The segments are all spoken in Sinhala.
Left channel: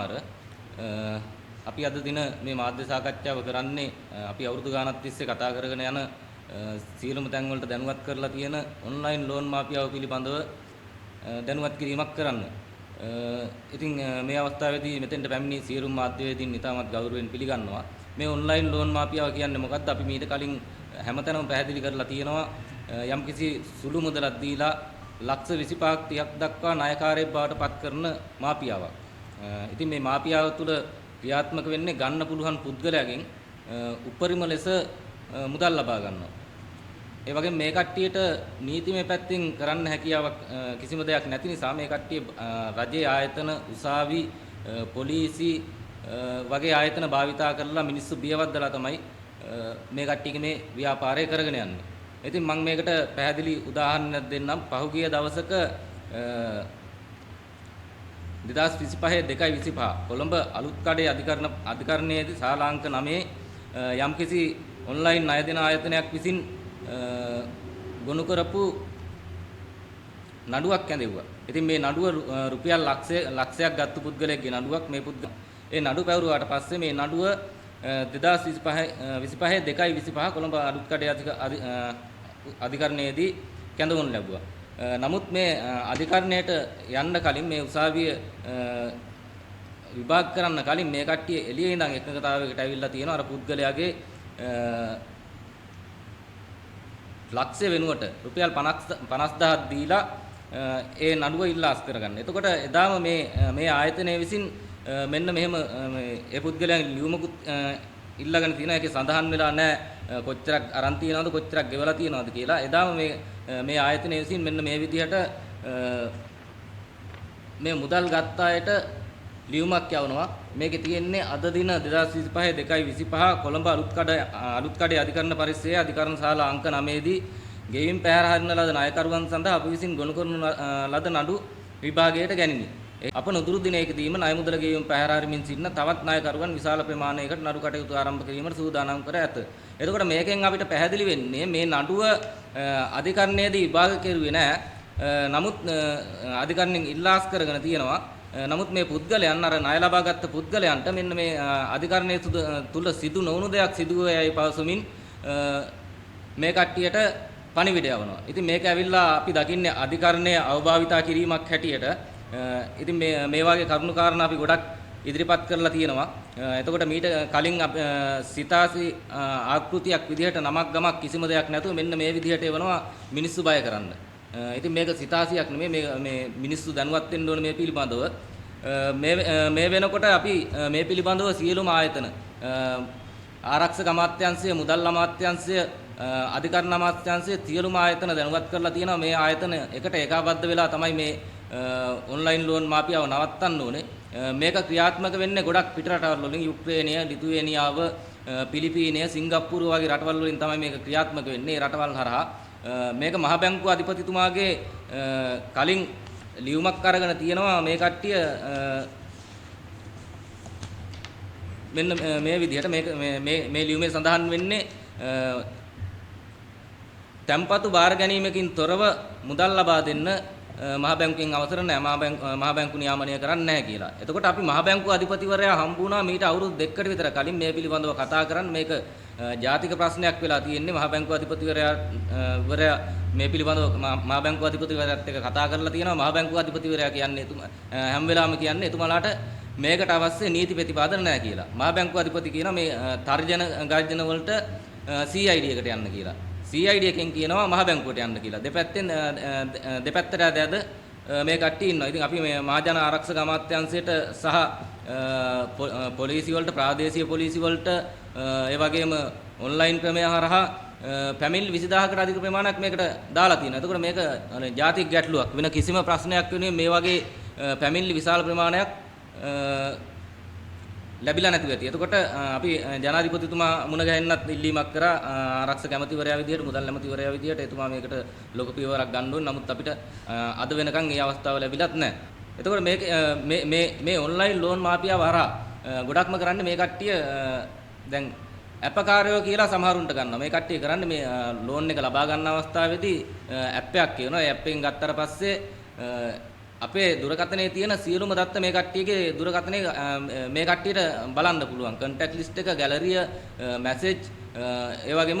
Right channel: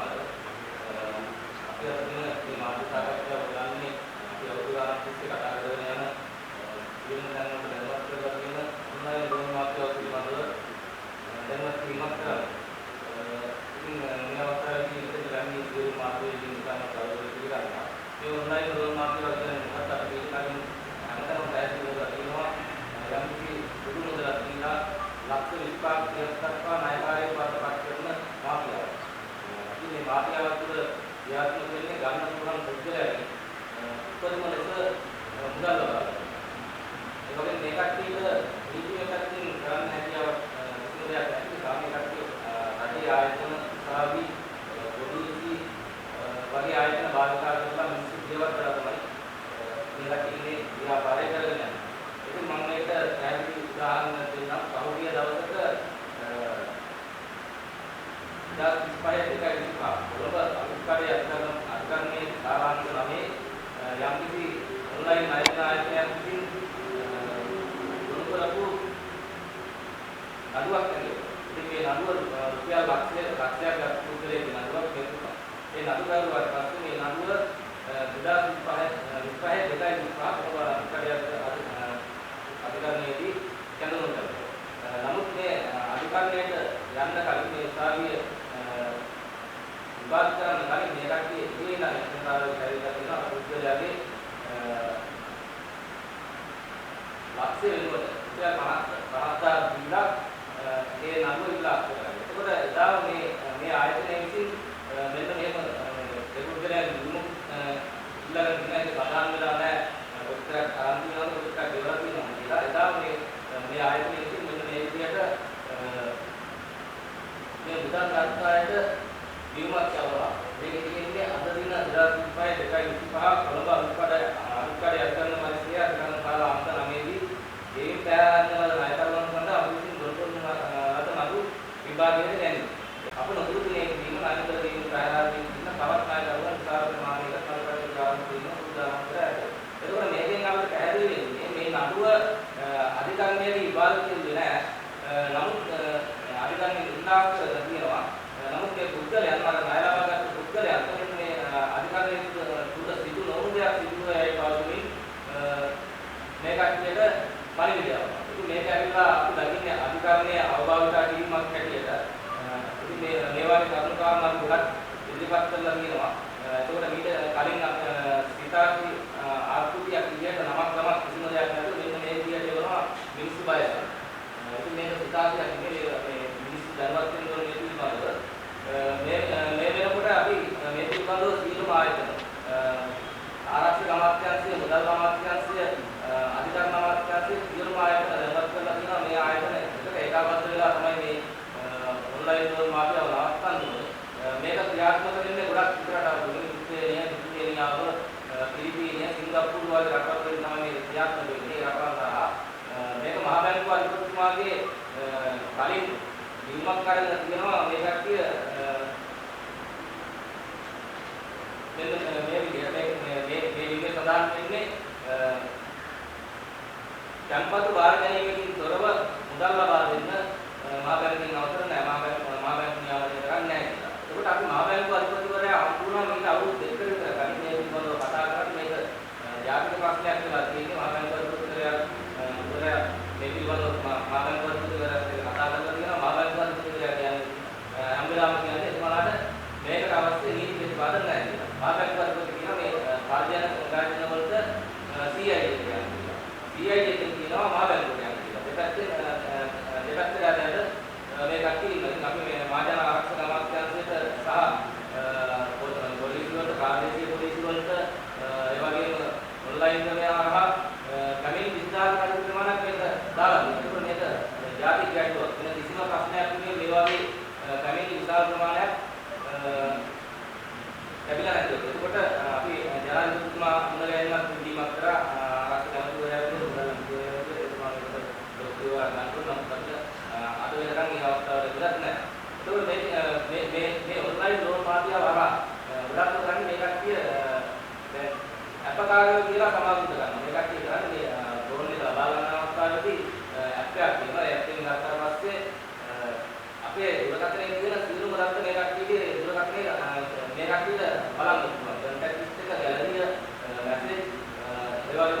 කුමාර අපි අද දින මේ මාධ්‍ය සාකච්ඡාව කරන්නේ අපි අවුරුදු ගානක් තිස්සේ කතා කරගෙන යන සියලුම තැන් වලට දැනුවත් කරලා තියෙන ඔන්ලයින් ලෝන් මාෆියාව පිළිබඳව දැනුවත් කිරීමක් කරන්න. ඉතින් මේ අවස්ථාවේදී මෙතෙන්ට පැමිණි සියලුම මාධ්‍යවේදීන් ඉතාමත් ගෞරවයෙන් පිළිගන්නවා. මේ ඔන්ලයින් ලෝන් මාෆියාව කියන්නේ මොකක්ද? අපි මීට කලින් හැමතැනම පැහැදිලි කරලා තියෙනවා. යම්කිසි සුළු මුදලක් දීලා ලක්ෂ 25ක් 30ක් දක්වා ණයකාරයෙක් බවට පත් කරන මාෆියාවක්. ඉතින් මේ මාෆියාව තුළ ක්‍රියාත්මක වෙන්නේ ගන්න පුළුවන් පුද්ගලයාගෙන් උපරිම ලෙස මුදල් ලබා ගන්නවා. ඒ වගේම මේ කට්ටියට නීතිමය පැත්තෙන් කරන්න හැකියාවක් කිසිම දෙයක් නැති නිසා මේ කට්ටිය රජයේ ආයතන, උසාවි, පොලිසි වගේ ආයතන භාවිතා කරලා මිනිස්සු බියවද්දලා තමයි මේ කට්ටියගේ මේ ව්‍යාපාරය කරගෙන යන්නේ. ඉතින් මම මේකට පැහැදිලි උදාහරණයක් දෙන්නම්. පහුගිය දවසක 2025 කොළඹ අලුත්කඩේ අධිකරණයේදී ශාලාංක 9 යම්කිසි ඔන්ලයින් ණය දෙන ආයතනයක් විසින් ගොනු කරපු නඩුවක් ඇඳෙව්වා. ඉතින් මේ නඩුව රුපියල් ලක්ෂයක් ගත්ත පුද්ගලයෙක්ගේ නඩුවක් මේ පුද්ගලයා. ඒ නඩුව පැවරුවාට පස්සේ මේ නඩුව 2025 කොළඹ අලුත්කඩේ අධිකරණයේදී කැඳවනු ලැබුවා. නමුත් මේ අධිකරණයට යන්න කලින් මේ උසාවිය විභාග කරන්න කලින් මේ කට්ටිය එළියේ ඉඳන් එකඟතාවයකට ඇවිල්ලා තියෙනවා අර පුද්ගලයාගේ ලක්ෂ්‍ය වෙනුවට රුපියල් 50000ක් දීලා ඒ නඩුව ඉල්ලාස් කරගන්න. එතකොට එදාම මේ ආයතනය විසින් මෙන්න මෙහෙම ඒ පුද්ගලයන් ලියුමකුත් ඉල්ලගෙන තියෙනවා. ඒකේ සඳහන් වෙලා නැහැ කොච්චරක් අරන් තියනවද කොච්චරක් ගෙවලා තියනවද කියලා. එදාම මේ ආයතනය විසින් මෙන්න මේ විදිහට මේ මුදල් ගත්ත අයට ලියුමක් යවනවා. මේකේ තියෙන්නේ අද දින 2025 කොළඹ අලුත්කඩේ අධිකරණ පරිශ්‍රයේ අධිකරණ ශාලා අංක 9 දී ගෙයින් පැහැර හරින ලද ණයකරුවන් සඳහා අප විසින් ගොනු කරන ලද නඩු විභාගයට ගැනීම. අප නොදුරු දිනයකදීම ණය මුදල ගෙයින් පැහැර හරිමින් සිටින තවත් ණයකරුවන් විශාල ප්‍රමාණයකට නඩු කටයුතු ආරම්භ කිරීමට සූදානම් කර ඇත. එතකොට මේකෙන් අපිට පැහැදිලි වෙන්නේ මේ නඩුව අධිකරණයේදී විභාග කෙරුවේ නැහැ. නමුත් අධිකරණයෙන් ඉල්ලාස් කරගෙන තියෙනවා. නමුත් මේ පුද්ගලයන් අර ණය ලබාගත් පුද්ගලයන්ට මෙන්න මේ අධිකරණයේ තුල සිදු නොවුණු දෙයක් සිදු වේයයි පවසමින් මේ කට්ටියට පණිවිඩය යවනවා. ඉතින් මේක ඇවිල්ලා අපි දකින්නේ අධිකරණයේ අවභාවිතා කිරීමක් හැටියට. ඉතින් මේ වගේ කරුණු කාරණා අපි ගොඩක් ඉදිරිපත් කරලා තියෙනවා. එතකොට මීට කලින් සිතාසි ආකෘතියක් විදිහට නමක් ගමක් කිසිම දෙයක් නැතුව මෙන්න මේ විදිහට එවනවා මිනිස්සු බය කරන්න. ඉතින් මේක සිතාසියක් නෙමෙයි මේ මිනිස්සු දැනුවත් වෙන්න ඕනේ මේ පිළිබඳව. මේ වෙනකොට අපි මේ පිළිබඳව සියලුම ආයතන ආරක්ෂක අමාත්‍යාංශය, මුදල් අමාත්‍යාංශය, අධිකරණ අමාත්‍යාංශය සියලුම ආයතන දැනුවත් කරලා තියෙනවා. මේ ආයතන එකට ඒකාබද්ධ වෙලා තමයි මේ ඔන්ලයින් ලෝන් මාෆියාව නවත්තන්න ඕනේ. මේක ක්‍රියාත්මක වෙන්නේ ගොඩක් පිටරටවල වලින් යුක්‍රේනය, ලිතුවේනියාව, පිලිපීනය, සිංගප්පූරු වගේ රටවල් වලින් තමයි මේක ක්‍රියාත්මක වෙන්නේ. ඒ රටවල් හරහා මේක මහ බැංකුව අධිපතිතුමාගේ කලින් ලියුමක් අරගෙන තියෙනවා. මේ කට්ටිය මෙන්න මේ විදිහට මේ ලියුමේ සඳහන් වෙන්නේ තැන්පතු බාර ගැනීමකින් තොරව මුදල් ලබා දෙන්න මහ බැංකුවෙන් අවසර නැහැ. මහ බැංකු නියාමනය කරන්නේ නැහැ කියලා. එතකොට අපි මහ බැංකුව අධිපතිවරයා හම්බ වුණා මීට අවුරුදු 2කට විතර කලින් මේ පිළිබඳව කතා කරන්නේ. මේක ජාතික ප්‍රශ්නයක් වෙලා තියෙන්නේ. මහ බැංකුව අධිපතිවරයා මේ පිළිබඳව මහ බැංකුව අධිපතිවරයාත් එක්ක කතා කරලා තියෙනවා. මහ බැංකුව අධිපතිවරයා කියන්නේ හැම වෙලාවෙම කියන්නේ එතුමාලාට මේකට අවශ්‍ය නීති ප්‍රතිපාදන නැහැ කියලා. මහ බැංකුව අධිපති කියනවා මේ තර්ජන ගර්ජන වලට CID එකට යන්න කියලා. CID එකෙන් කියනවා මහ බැංකුවට යන්න කියලා. දෙපැත්තට ඇද මේ කට්ටිය ඉන්නවා. ඉතින් අපි මේ මහජන ආරක්ෂක අමාත්‍යාංශයට සහ පොලිසිය වලට, ප්‍රාදේශීය පොලිසිය වලට ඒ වගේම ඔන්ලයින් ක්‍රමය හරහා පැමිණිලි 20000කට අධික ප්‍රමාණයක් මේකට දාලා තියෙනවා. එතකොට මේක ජාතික ගැටලුවක්. වෙන කිසිම ප්‍රශ්නයක් වෙනුවෙන් මේ වගේ පැමිණිලි විශාල ප්‍රමාණයක් ලැබිලා නැති වෙති. එතකොට අපි ජනාධිපතිතුමා මුණ ගැහෙන්නත් ඉල්ලීමක් කරා ආරක්ෂක ඇමතිවරයා විදියට, මුදල් ඇමතිවරයා විදියට එතුමා මේකට ලොකු පියවරක් ගන්න ඕන. නමුත් අපිට අද වෙනකන් මේ අවස්ථාව ලැබිලත් නැහැ. එතකොට මේ ඔන්ලයින් ලෝන් මාෆියාව හරහා ගොඩක්ම කරන්නේ මේ කට්ටිය දැන් ඇපකාරයෝ කියලා සමහරුන්ට ගන්නවා. මේ කට්ටිය කරන්නේ මේ ලෝන් එක ලබා ගන්න අවස්ථාවේදී ඇප් එකක් කියනවා. ඒ ඇප් එකෙන් ගත්තට පස්සේ අපේ දුරකථනයේ තියෙන සියලුම දත්ත මේ කට්ටියගේ දුරකථනයේ මේ කට්ටියට බලන්න පුළුවන්. contact list එක, gallery, message, ඒ වගේම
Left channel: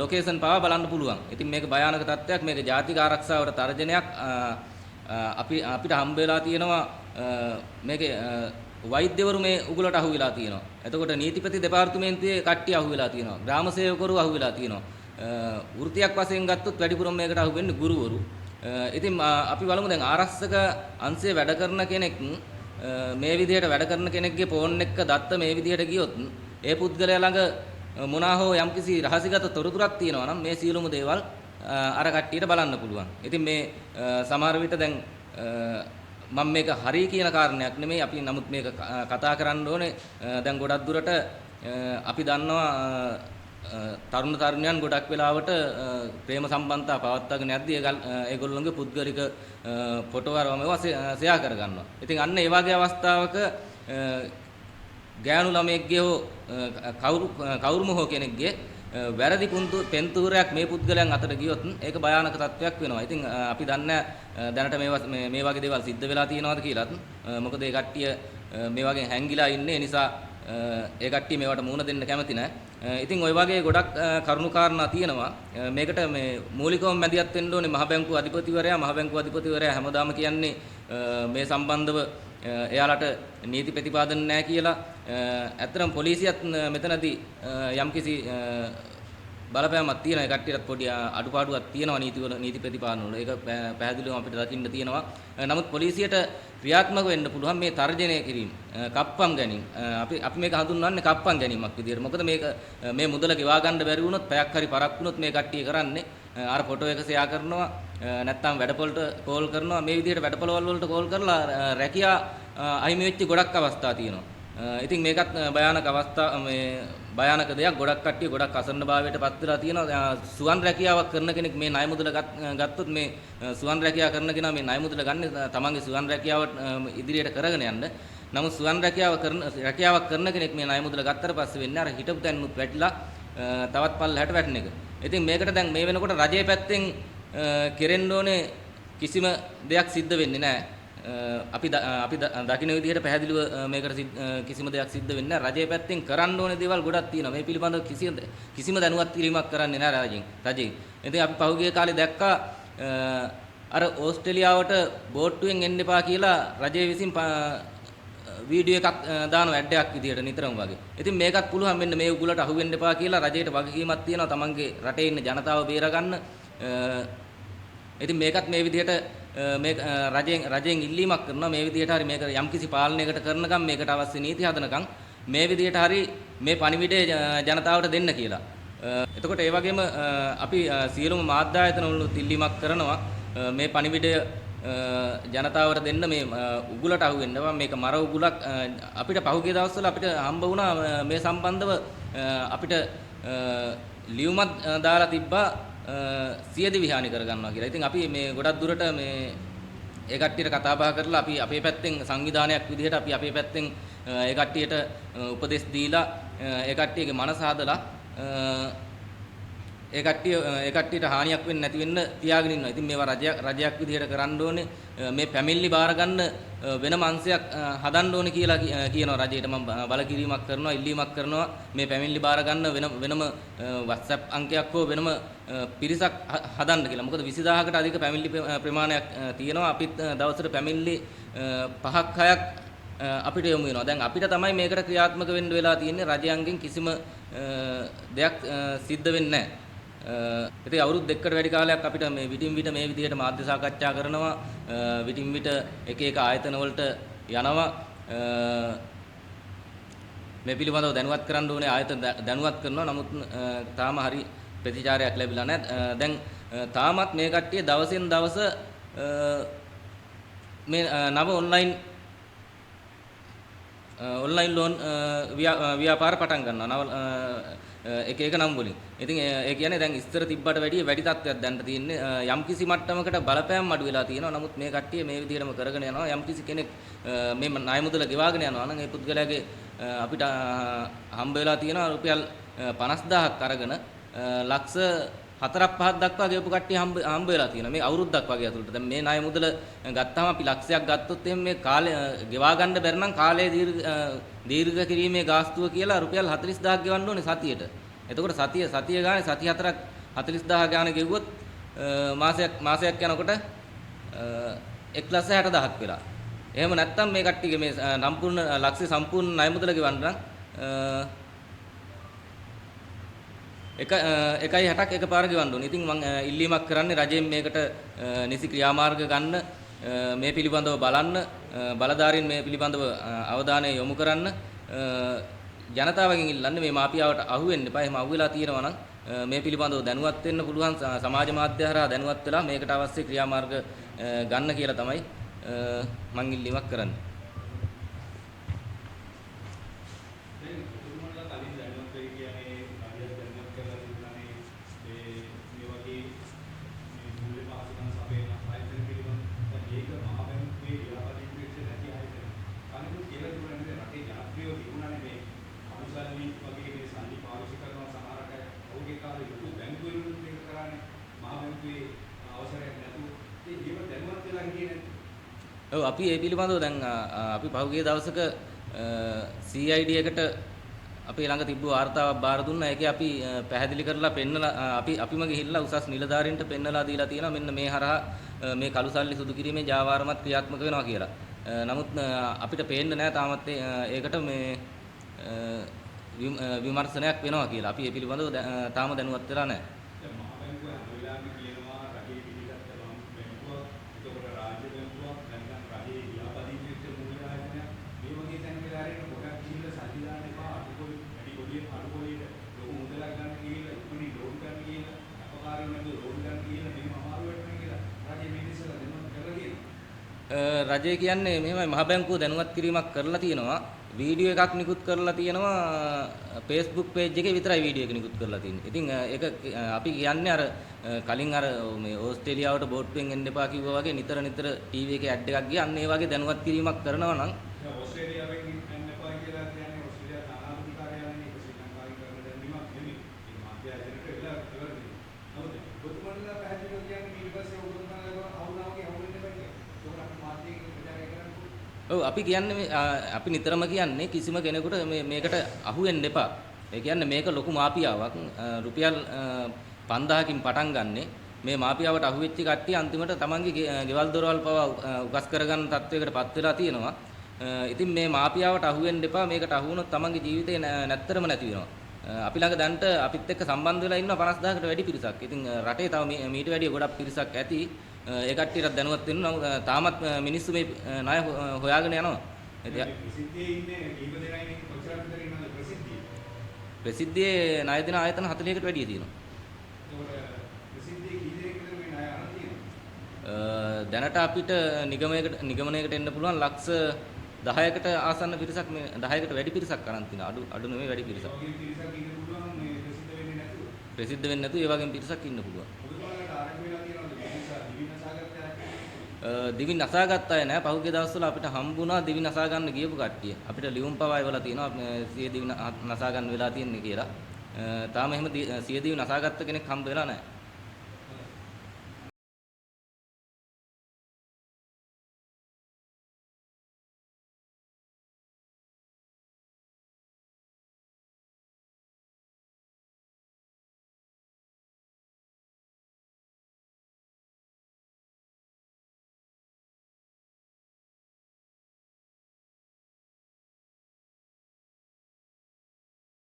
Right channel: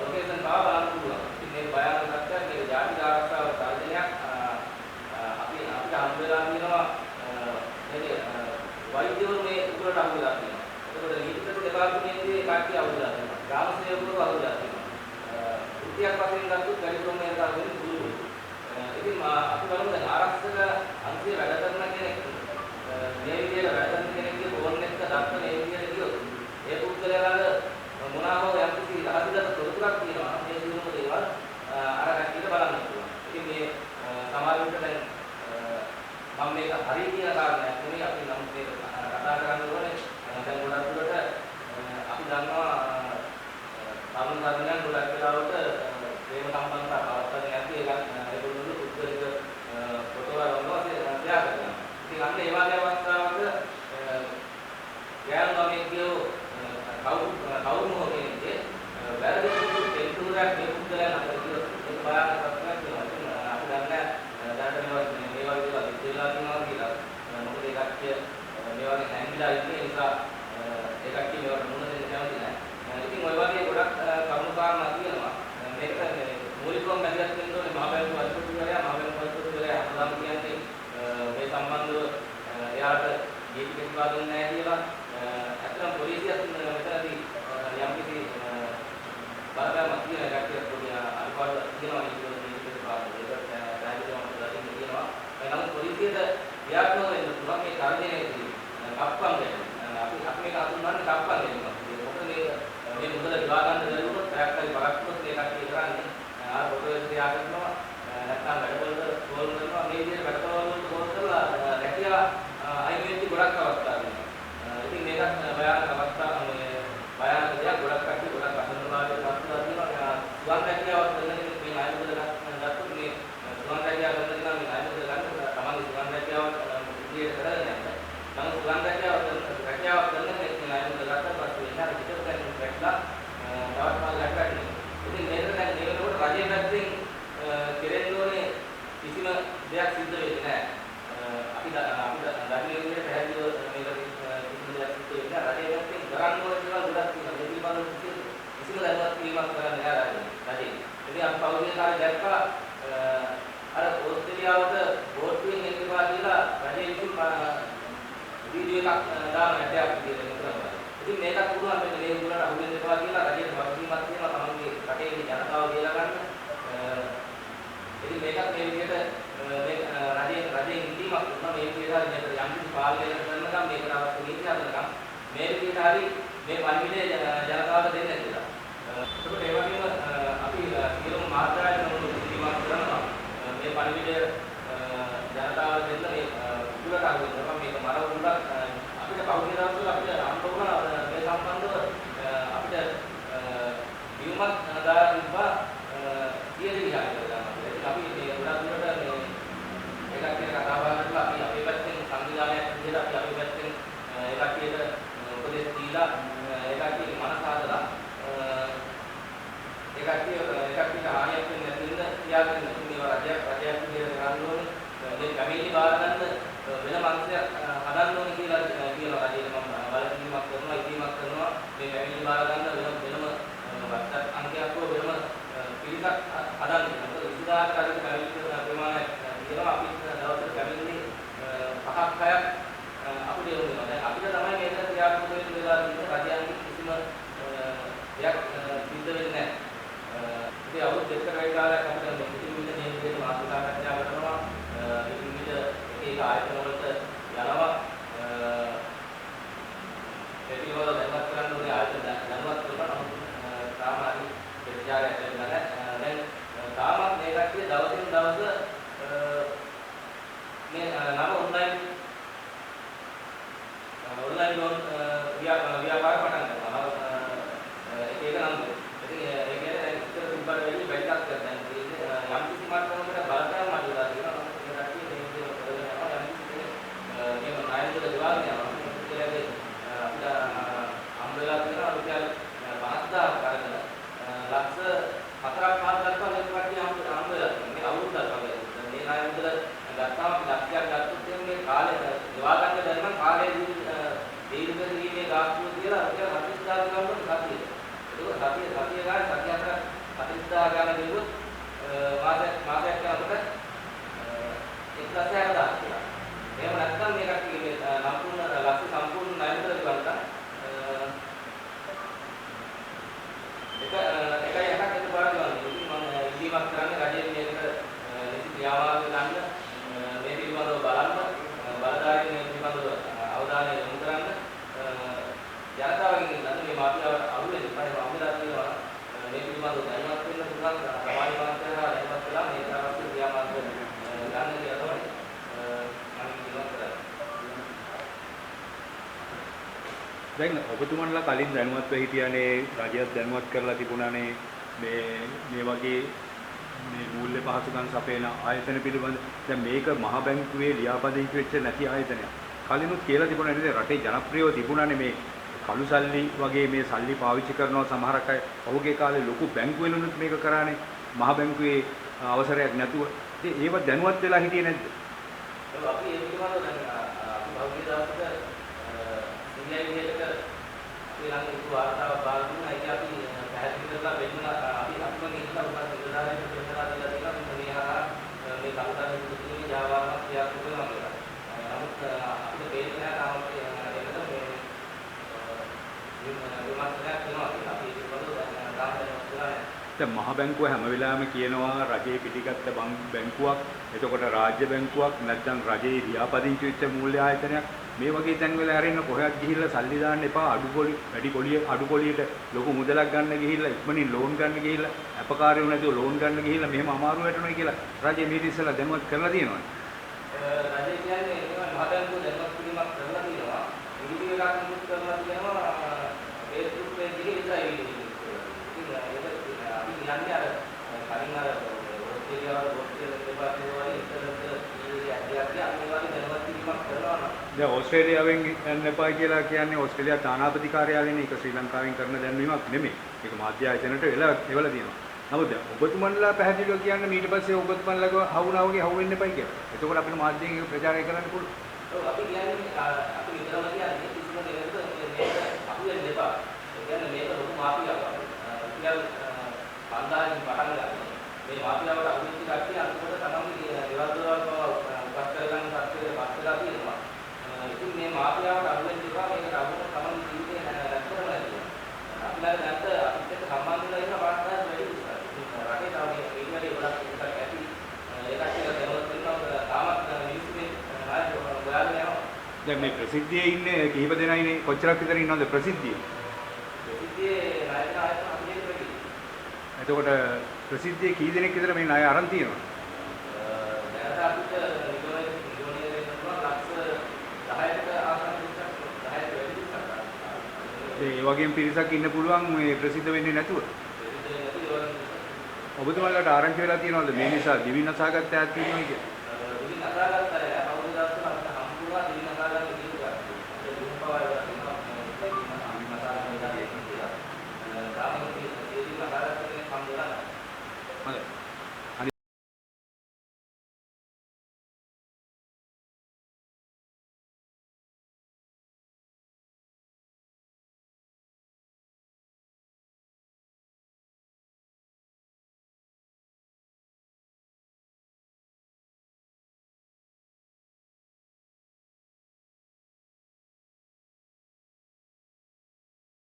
location පාවා බලන්න පුළුවන්. ඉතින් මේක භයානක තත්ත්වයක්. මේක ජාතික ආරක්ෂාවට තර්ජනයක්. අපිට හම්බ වෙලා තියෙනවා මේකේ වෛද්‍යවරු මේ උගලට අහු වෙලා තියෙනවා. එතකොට නීතිපති දෙපාර්තමේන්තුවේ කට්ටිය අහු වෙලා තියෙනවා. ග්‍රාම සේවකවරු අහු වෙලා තියෙනවා. වෘත්තියක් වශයෙන් ගත්තොත් වැඩිපුරම මේකට අහු වෙන්නේ ගුරුවරු. ඉතින් අපි බලමු දැන් ආරක්ෂක අංශයේ වැඩ කරන කෙනෙක් මේ විදිහට වැඩ කරන කෙනෙක්ගේ ෆෝන් එක දත්ත මේ විදිහට ගියොත් ඒ පුද්ගලයා ළඟ මොනවා හෝ යම්කිසි රහසිගත තොරතුරක් තියෙනවා නම් මේ සියලුම දේවල් අර කට්ටියට බලන්න පුළුවන්. ඉතින් මේ සමහර විට දැන් මම මේක හරි කියන කාරණයක් නෙමෙයි අපි නමුත් මේක කතා කරන්න ඕනේ. දැන් ගොඩක් දුරට අපි දන්නවා තරුණ තරුණියන් ගොඩක් වෙලාවට ප්‍රේම සම්බන්ධතා පවත්වාගෙන යද්දී ඒගොල්ලෝගේ පුද්ගලික ෆොටෝ වරම ෂෙයා කරගන්නවා. ඉතින් අන්න ඒ වගේ අවස්ථාවක ගෑනු ළමයෙක්ගේ කවුරුම හෝ කෙනෙක්ගේ වැරදි පෙන්තූරයක් මේ පුද්ගලයන් අතර ගියොත් ඒක භයානක තත්ත්වයක් වෙනවා. ඉතින් අපි දන්නේ දැනට මේ වගේ දේවල් සිද්ධ වෙලා තියෙනවද කියලා. මොකද ඒ කට්ටිය මේ වගේ හැංගිලා ඉන්නේ. ඒ නිසා ඒ කට්ටිය මේවට මුහුණ දෙන්න කැමති නැහැ. ඉතින් ওই වගේ ගොඩක් කරුණු කාරණා තියෙනවා. මේකට මේ මූලිකවම මැදිහත් වෙන්න ඕනේ මහ බැංකුව අධිපතිවරයා හැමදාම කියන්නේ මේ සම්බන්ධව එයාලට නීති ප්‍රතිපාදන නැහැ කියලා. ඇත්තටම පොලිසියත් මෙතනදී යම්කිසි බලපෑමක් තියෙනවා. ඒ කට්ටියට පොඩි අඩුපාඩුවක් තියෙනවා නීති ප්‍රතිපාදන වල. ඒක පැහැදිලිවම අපිට දකින්න තියෙනවා. නමුත් පොලිසියට ක්‍රියාත්මක වෙන්න පුළුවන් මේ තර්ජනය කිරීම. කප්පම් ගැනීම. අපි මේක හඳුන්වන්නේ කප්පම් ගැනීමක් විදියට. මොකද මේක මේ මුදල ගෙවා ගන්න බැරි වුණොත් පැයක් හරි පරක් වුණොත් මේ කට්ටිය කරන්නේ අර ෆොටෝ එක ෂෙයා කරනවා. නැත්නම් වැඩපොළට කෝල් කරනවා. මේ විදියට වැඩපොළවල් වලට කෝල් කරලා රැකියා අහිමි වෙච්ච ගොඩක් අවස්ථා තියෙනවා. ඉතින් මේකත් භයානක දෙයක්. ගොඩක් කට්ටිය ගොඩක් අසන්නභාවයට පත් වෙලා තියෙනවා. සුවන් රැකියාවක් කරන කෙනෙක් මේ ණය මුදල ගත්තොත් මේ සුවන් රැකියාව කරන කෙනා මේ ණය මුදල ගන්න තමන්ගේ සුවන් රැකියාව ඉදිරියට කරගෙන යන්න. නමුත් සුවන් රැකියාවක් කරන කෙනෙක් මේ ණය මුදල ගත්තට පස්සේ වෙන්නේ අර හිටපු තැන් වැටලා තවත් පල්ලහැට වැටෙන එක. ඉතින් මේකට දැන් මේ වෙනකොට රජයේ පැත්තෙන් කෙරෙන්න ඕනේ කිසිම දෙයක් සිද්ධ වෙන්නේ නැහැ. අපි දකින්න විදිහට පැහැදිලිව මේකට කිසිම දෙයක් සිද්ධ වෙන්නේ නැහැ. රජයේ පැත්තෙන් කරන්න ඕනේ දේවල් ගොඩක් තියෙනවා. මේ පිළිබඳව කිසිම දැනුවත් කිරීමක් කරන්නේ නැහැ රජයෙන්. ඉතින් අපි පහුගිය කාලේ දැක්කා අර ඕස්ට්‍රේලියාවට බෝට්ටුවෙන් එන්න එපා කියලා රජය විසින් වීඩියෝ එකක් දානවා ඇඩ් එකක් විදිහට නිතරම වගේ. ඉතින් මේකත් පුළුවන් මෙන්න මේ උගලට අහු වෙන්න එපා කියලා රජයට වගකීමක් තියෙනවා තමන්ගේ රටේ ඉන්න ජනතාව බේරගන්න. ඉතින් මේකත් මේ විදිහට මේ රජයෙන් ඉල්ලීමක් කරනවා මේ විදිහට හරි මේක යම්කිසි පාලනයකට කරනකම් මේකට අවශ්‍ය නීති හදනකම් මේ විදිහට හරි මේ පණිවිඩය ජනතාවට දෙන්න කියලා. එතකොට ඒ වගේම අපි සියලුම මාධ්‍ය ආයතනවලුත් ඉල්ලීමක් කරනවා මේ පණිවිඩය ජනතාවට දෙන්න මේ උගුලට අහු වෙනවා. මේක මර උගුලක්. අපිට පහුගිය දවස්වල අපිට හම්බ වුණා මේ සම්බන්ධව අපිට ලියුමක් දාලා තිබ්බා සියදි විහානි කරගන්නවා කියලා. ඉතින් අපි මේ ගොඩක් දුරට මේ ඒ කට්ටියට කතා බහ කරලා අපි අපේ පැත්තෙන් සංවිධානයක් විදිහට අපි අපේ පැත්තෙන් ඒ කට්ටියට උපදෙස් දීලා ඒ කට්ටියගේ මනස හදලා ඒ කට්ටියට හානියක් වෙන්නේ නැති වෙන්න තියාගෙන ඉන්නවා. ඉතින් මේවා රජයක් විදිහට කරන්න ඕනේ. මේ ෆැමිලි බාර ගන්න වෙනම අංශයක් හදන්න ඕනේ කියලා කියනවා රජයට. මම බලකිරීමක් කරනවා, ඉල්ලීමක් කරනවා මේ ෆැමිලි බාර ගන්න වෙනම WhatsApp අංකයක් හෝ වෙනම පිරිසක් හදන්න කියලා. මොකද 20000කට අධික ෆැමිලි ප්‍රමාණයක් තියෙනවා. අපිත් දවසට ෆැමිලි 5ක් 6ක් අපිට යොමු වෙනවා. දැන් අපිට තමයි මේකට ක්‍රියාත්මක වෙන්න වෙලා තියෙන්නේ. රජයන්ගෙන් කිසිම දෙයක් සිද්ධ වෙන්නේ නැහැ. ඉතින් අවුරුදු දෙකකට වැඩි කාලයක් අපිට මේ විටින් විට මේ විදිහට මාධ්‍ය සාකච්ඡා කරනවා. විටින් විට එක ආයතන වලට යනවා. මේ පිළිබඳව දැනුවත් කරන්න ඕනේ ආයතන දැනුවත් කරනවා. නමුත් තාම හරි ප්‍රතිචාරයක් ලැබිලා නැහැ. දැන් තාමත් මේ කට්ටිය දවසින් දවස මේ නව ඔන්ලයින් ලෝන් ව්‍යාපාර පටන් ගන්නවා. එක නංගුලේ. ඉතින් ඒ කියන්නේ දැන් ඉස්තර තිබ්බට වැඩිය වැඩි තත්ත්වයක් දැන් තියෙන්නේ. යම්කිසි මට්ටමකට බලපෑම් අඩු වෙලා තියෙනවා. නමුත් මේ කට්ටිය මේ විදිහටම කරගෙන යනවා. යම්කිසි කෙනෙක් මේ ණය මුදල ගෙවාගෙන යනවා නම් මේ පුද්ගලයාගේ අපිට හම්බ වෙලා තියෙනවා රුපියල් 50000ක් අරගෙන ලක්ෂ හතරක් පහක් දක්වා ගෙවපු කට්ටිය හම්බ වෙලා තියෙනවා. මේ අවුරුද්දක් වගේ අතට. දැන් මේ ණය මුදල ගත්තාම අපි ලක්ෂයක් ගත්තොත් එහෙනම් මේ කාලය ගෙවා ගන්න බැරි නම් කාලය දීර්ඝ කිරීමේ ගාස්තුව කියලා රුපියල් 40000ක් ගෙවන්න ඕනේ සතියට. එතකොට සතිය ගානේ සති 4ක් 40000 ගානේ ගෙවුවොත් මාසයක් යනකොට 1,60,000ක් වෙලා. එහෙම නැත්නම් මේ කට්ටියගේ මේ සම්පූර්ණ ලක්ෂ්‍ය සම්පූර්ණ ණය මුදල ගෙවන්න නම් 1.60ක් එකපාර ගෙවන්න ඕනේ. ඉතින් මම ඉල්ලීමක් කරන්නේ රජයෙන් මේකට නිසි ක්‍රියාමාර්ග ගන්න, මේ පිළිබඳව බලන්න, බලධාරීන් මේ පිළිබඳව අවධානය යොමු කරන්න, ජනතාවගෙන් ඉල්ලන්න මේ මාෆියාවට අහු වෙන්න එපා. එහෙම අහු වෙලා තියෙනවා නම් මේ පිළිබඳව දැනුවත් වෙන්න පුළුවන්, සමාජ මාධ්‍ය හරහා දැනුවත් වෙලා මේකට අවශ්‍ය ක්‍රියාමාර්ග ගන්න කියලා තමයි මම ඉල්ලීමක් කරන්නේ. දැන් ඔබතුමන්ලා කලින් දැනුවත්ව හිටියානේ, රජයත් දැනුවත් කරලා තිබුණානේ මේ වගේ මේ මූල්‍ය පහසුකම් සපයන ආයතන පිළිබඳ. දැන් මේක මහ බැංකුවේ ලියාපදිංචි වෙච්ච නැති ආයතනයක්. කලිනුත් කියලා තිබුණා නේද රටේ ජනප්‍රියව තිබුණානේ මේ කළු සල්ලි වගේ මේ සල්ලි පාවිච්චි කරනවා සමහරක් අය. ඔහුගේ කාලේ ලොකු බැංකුවලුත් මේක කරානේ මහ බැංකුවේ අවසරයක් නැතුව. ඉතින් ඒව දැනුවත් වෙලා හිටියේ නැද්ද? ඔව් අපි ඒ පිළිබඳව දැන් අපි පහුගිය දවසක CID එකට අපේ ළඟ තිබ්බ වාර්තාවක් බාර දුන්නා. ඒකේ අපි පැහැදිලි කරලා පෙන්නලා අපිම ගිහිල්ලා උසස් නිලධාරීන්ට පෙන්නලා දීලා තියෙනවා මෙන්න මේ හරහා මේ කළු සල්ලි සුදු කිරීමේ ජාවාරමක් ක්‍රියාත්මක වෙනවා කියලා. නමුත් අපිට පේන්නේ නැහැ තාමත් ඒකට මේ විමර්ශනයක් වෙනවා කියලා. අපි ඒ පිළිබඳව තාම දැනුවත් වෙලා නැහැ. දැන් මහ බැංකුව හැම වෙලාවෙම කියනවා රජයේ පිටිගත්ත බැංකුවක්, එතකොට රාජ්‍ය බැංකුවක්, නැත්නම් රජයේ ලියාපදිංචි වෙච්ච මූල්‍ය ආයතනයක්. මේ වගේ තැන් වල ඇරෙන්න කොහෙවත් ගිහිල්ලා සල්ලි දාන්න එපා. අඩු පොලියට ලොකු මුදලක් ගන්න ගිහිල්ලා ඉක්මනින් ලෝන් ගන්න ගිහිල්ලා අපකාරයෝ නැතුව ලෝන් ගන්න ගිහිල්ලා මෙහෙම අමාරු වැටෙනවා කියලා රජයේ මේ ඉස්සෙල්ලා දැනුවත් කරලා තියෙනවා. රජය කියන්නේ මෙහෙමයි මහ බැංකුව දැනුවත් කිරීමක් කරලා තියෙනවා. වීඩියෝ එකක් නිකුත් කරලා තියෙනවා. Facebook page එකේ විතරයි වීඩියෝ එක නිකුත් කරලා තියෙන්නේ. ඉතින් ඒක අපි කියන්නේ අර කලින් අර මේ ඕස්ට්‍රේලියාවට බෝට්ටුවෙන් එන්න එපා කිව්වා වගේ නිතර ටීවී එකේ ඇඩ් එකක් ගියා. අන්න ඒ වගේ දැනුවත් කිරීමක් කරනවා නම් දැන් ඕස්ට්‍රේලියාවෙන් එන්න එපා කියලා කියන්නේ ඕස්ට්‍රේලියා තානාපති කාර්යාලයනේ. ඒක ශ්‍රී ලංකාවෙන් කරන දැන්වීමක් නෙමෙයි. ඒක මාධ්‍ය ආයතනයට එවලා තියෙනවා. නමුත් ඔබතුමන්ලා පැහැදිලිව කියන්නේ ඊට පස්සේ ඔබතුමන්ලාව හවුනා වගේ හවු වෙන්න එපයි කියලා. එතකොට අපිට මාධ්‍යයෙන් ප්‍රචාරය කරන්න පුළුවන්. ඔව් අපි කියන්නේ අපි නිතරම කියන්නේ කිසිම කෙනෙකුට මේකට අහු වෙන්න එපා. ඒ කියන්නේ මේක ලොකු මාෆියාවක්. රුපියල් 5000කින් පටන් ගන්නෙ. මේ මාෆියාවට අහු වෙච්ච කට්ටිය අන්තිමට තමන්ගේ ගෙවල් දොරවල් පවා උගස් කරගන්න තත්ත්වයකට පත් වෙලා තියෙනවා. ඉතින් මේ මාෆියාවට අහු වෙන්න එපා. මේකට අහු වුණොත් තමන්ගේ ජීවිතේ නැත්තරම නැති වෙනවා. අපි ළඟ දැන්ට අපිත් එක්ක සම්බන්ධ වෙලා ඉන්න 50000කට වැඩි පිරිසක්. ඉතින් රටේ තව මීට වැඩිය ගොඩක් පිරිසක් ඇති. ඒ කට්ටියට දැනුවත් වෙනවා. තාමත් මිනිස්සු මේ ණය හොයාගෙන යනවා. දැන් මේ ප්‍රසිද්ධියේ ඉන්නේ කීප දෙනා ඉන්නේ කොච්චරක් විතර ඉන්නවද ප්‍රසිද්ධියේ? ප්‍රසිද්ධියේ ණය දෙන ආයතන 40කට වැඩිය තියෙනවා. එතකොට ප්‍රසිද්ධියේ කී දෙනෙක් විතර මේ ණය අරන් තියෙනවද? දැනට අපිට නිගමනයකට එන්න පුළුවන් ලක්ෂ 10කට ආසන්න පිරිසක් 10කට වැඩි පිරිසක් අරන් තියෙනවා. අඩු නෙමෙයි වැඩි. ඒ වගේම පිරිසක් ඉන්න පුළුවන් මේ ප්‍රසිද්ධ වෙන්නේ නැතුව. ප්‍රසිද්ධ වෙන්නේ නැතුව ඒ වගේම පිරිසක් ඉන්න පුළුවන්. ඔබතුමාලට ආරංචි වෙලා තියෙනවද මේ නිසා දිවි නසාගත්ත ඇත් තියෙනවා කියලා? දිවි නසාගත්ත අය නෑ. පහුගිය දවස්වල අපිට හම්බුණා දිවි නසා ගන්න ගියපු කට්ටිය. අපිට ලියුම් පවා එවලා තියෙනවා සිය දිවි නසා ගන්න වෙලා තියෙන්නේ කියලා. තාම එහෙම සිය දිවි නසාගත්ත කෙනෙක් හම්බ වෙලා නෑ. හරි.